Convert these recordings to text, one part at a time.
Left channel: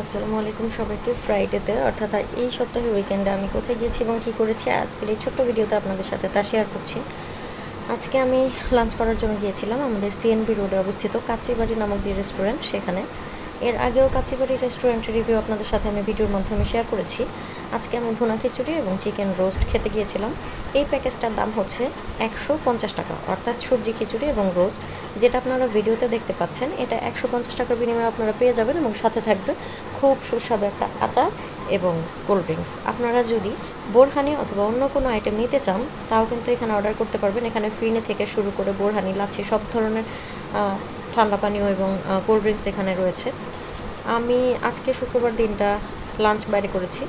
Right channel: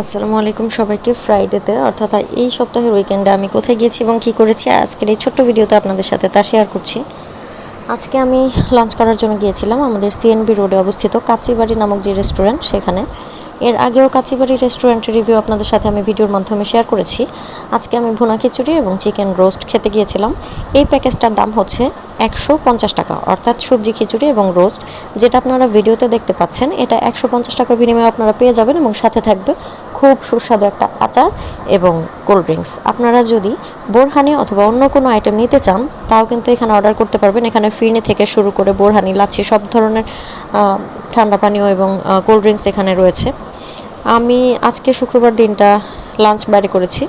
আসসালামু আলাইকুম সবাইকে। ফ্রাইডেতে অর্থাৎ এই সপ্তাহের উইকেন্ডে আমি কোথায় গিয়েছি এবং কী করেছি আজকের এই ছোট্ট ভিডিওতে আপনাদের সাথে তা শেয়ার করছি। আজকে আমি লাঞ্চ করার জন্য গিয়েছিলাম আমাদের সিএনবি রোডে অবস্থিত কাচিবাড়ি নামক যে রেস্টুরেন্ট সেখানে। এর আগেও কাচিবাড়ি রেস্টুরেন্টের রিভিউ আপনাদের সাথে আমি ভিডিওর মাধ্যমে শেয়ার করেছি। আজকে আমি ভুনা খিচুড়ি এবং চিকেন রোস্ট খেতে গিয়েছিলাম। এই প্যাকেজটার দাম হচ্ছে 150 টাকা, অর্থাৎ সবজি খিচুড়ি এবং রোস্ট যেটা আপনারা ভিডিওতে দেখতে পাচ্ছেন এটা 150 টাকার বিনিময়ে আপনারা পেয়ে যাবেন এবং সাথে থাকবে খুব সুস্বাদু একটা আচার এবং কোল্ড ড্রিঙ্কস। আপনারা যদি বোরহানি অথবা অন্য কোনো আইটেম নিতে চান তাও কিন্তু এখানে অর্ডার করতে পারবেন। এখানে ফিরনি থেকে শুরু করে বোরহানি, লাচ্ছি সব ধরনের ঠান্ডা পানীয় এবং কোল্ড ড্রিঙ্কস এখানে রয়েছে। আমি আজকে শুক্রবার দিনটা লাঞ্চ বাইরে করেছি,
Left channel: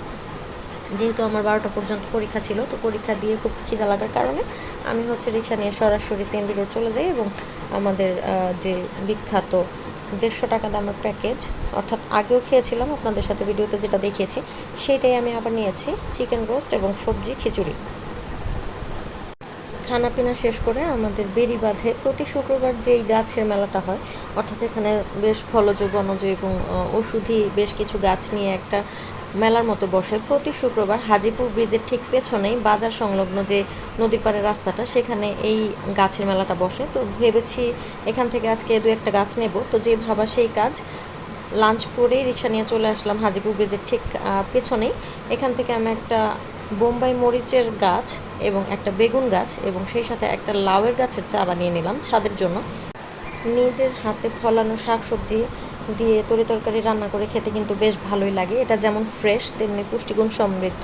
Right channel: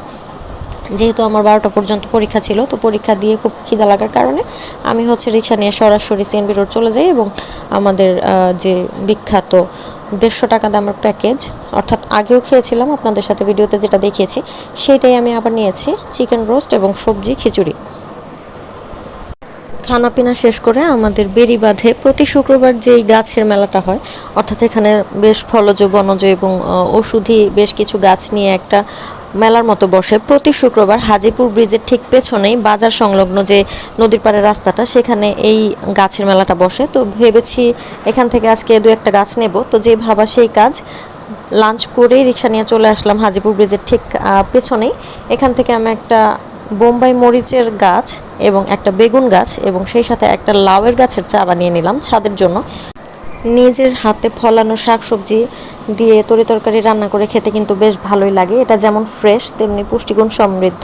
যেহেতু আমার 12টা পর্যন্ত পরীক্ষা ছিল। তো পরীক্ষা দিয়ে খুব খিদা লাগার কারণে আমি রিক্সা নিয়ে সরাসরি সিএনবি রোড চলে যাই এবং আমাদের যে বিখ্যাত 150 টাকা দামের প্যাকেজ, অর্থাৎ আগেও খেয়েছিলাম আপনাদের সাথে ভিডিওতে যেটা দেখিয়েছি সেটাই আমি আবার নিয়েছি, চিকেন রোস্ট এবং সবজি খিচুড়ি। খানাপিনা শেষ করে আমাদের বেড়িবাঁধে প্রতি শুক্রবার যেই গাছের মেলাটা হয়, অর্থাৎ এখানে বেশ ফলজ, বনজ এবং ওষুধি বেশ কিছু গাছ নিয়ে একটা মেলার মতো বসে প্রতি শুক্রবার। হাজিপুর ব্রিজের ঠিক পেছনেই বাজার সংলগ্ন যে নদীর পাড়ের রাস্তাটা, সেখানে এই গাছের মেলাটা বসে। তো ভেবেছি এখান থেকে আজকে দু একটা গাছ নেব। তো যে ভাবা সেই কাজ, লাঞ্চ করেই রিক্সা নিয়ে চলে আসলাম হাজিপুর ব্রিজের ঠিক পেছনেই। এখান থেকে আমি একটা বোম্বাই মরিচের গাছ এবং একটা বেগুন গাছ এবং সেই সাথে একটা লাউয়ের গাছের চারা নিয়ে নিলাম ছাদের জন্য। নিজের হাতে ফলানো শাকসবজি দিয়ে তরিতরকারি রান্না করে খেতে কিন্তু বেশ ভালোই লাগে। এটা যেমন ফ্রেশ তেমনি পুষ্টিগুণ সমৃদ্ধ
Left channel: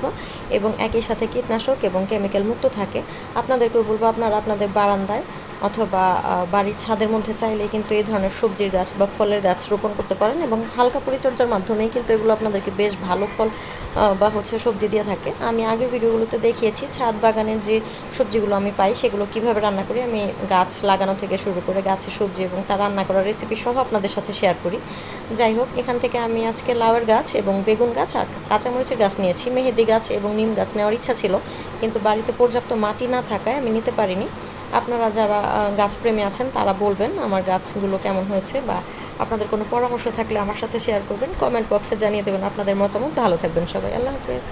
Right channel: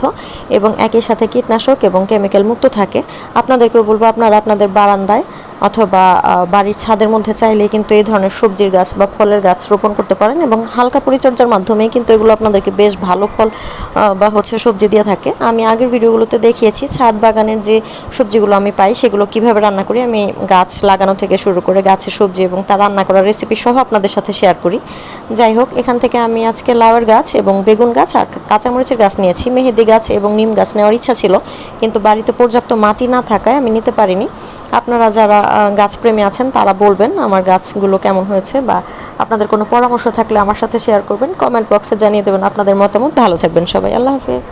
এবং একই সাথে কীটনাশক এবং কেমিক্যাল মুক্ত থাকে। আপনাদেরকেও বলবো আপনারা আপনাদের বারান্দায় অথবা বাড়ির ছাদের মধ্যে চাইলে কিন্তু এই ধরনের সবজির গাছ বা ফলের গাছ রোপণ করতে পারেন এবং হালকা পরিচর্যার মাধ্যমেই কিন্তু এগুলো আপনাদেরকে বেশ ভালো ফল বা সবজি দিয়ে থাকে। আমি আগের ভিডিওগুলোতে দেখিয়েছি ছাদ বাগানের যে সবজিগুলো আমি পাই সেগুলো কিভাবে রান্না করি। আমি গাছ লাগানো থেকে শুরু করে গাছের সবজি এবং তা রান্না করার রেসিপি সহ আপনাদের সাথে শেয়ার করি। যাই হোক, এখান থেকে আমি আজকে লাউয়ের গাছ এবং বেগুন গাছ আর কাঁচামরিচের গাছ নিয়েছি। মেহেদি গাছ এবং নিম গাছ নেওয়ার ইচ্ছা ছিল, কিন্তু বাড়িতে পর্যাপ্ত মাটি না থাকায় আমি নিতে পারিনি। আপনারা যারা গাছপ্রেমী আছেন তারা বলবেন আমার গাছগুলো কেমন হয়েছে, বা আপনাদের কোনো পরামর্শ থাকলে আমার সাথে শেয়ার করবেন, কমেন্ট বক্সে জানিয়ে দেবেন আপনাদের মতামত। ভালো থাকবেন সবাই, আল্লাহ হাফেজ।